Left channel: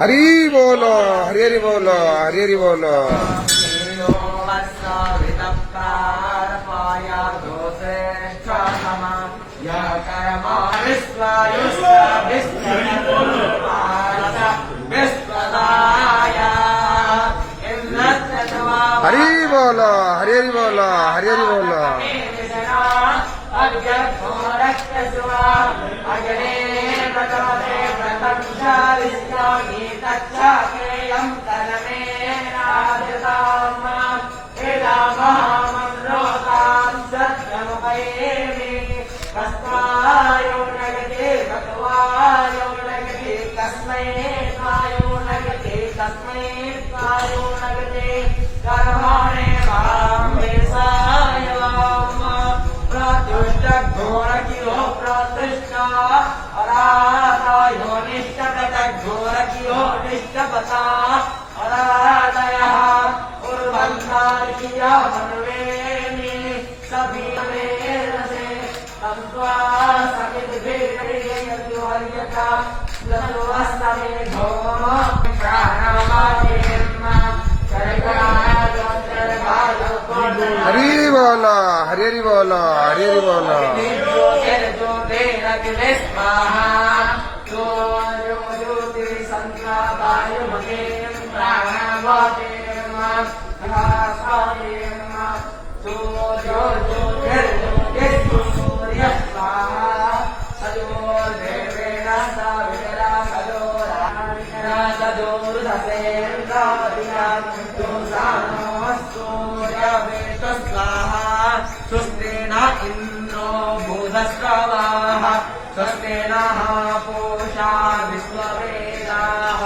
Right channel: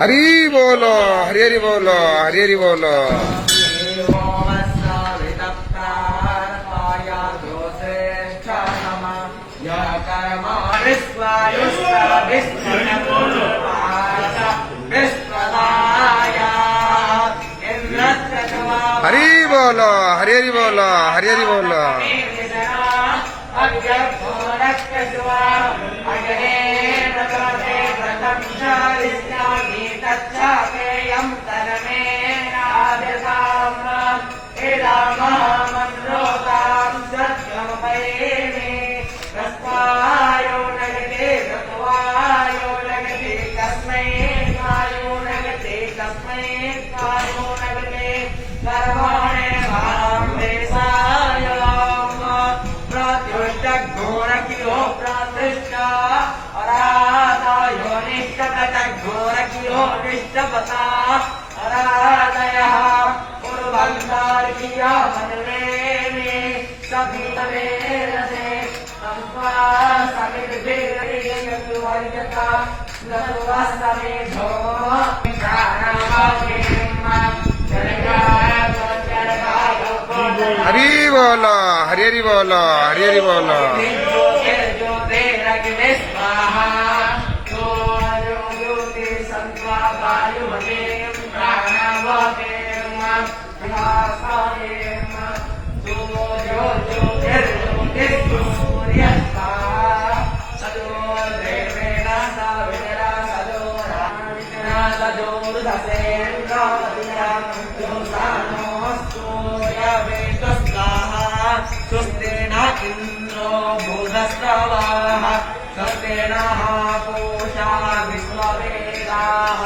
हरि बोलो हरि हरि बोलो हरि हरि बोलो हरि बोलो हरि हरि बोलो हरि हरि बोलो हरि बोलो हरि हरि बोलो हरि हरि बोलो इंद्रो भूतस्रवाः स्वस्तेन पूषा विश्ववेदाः।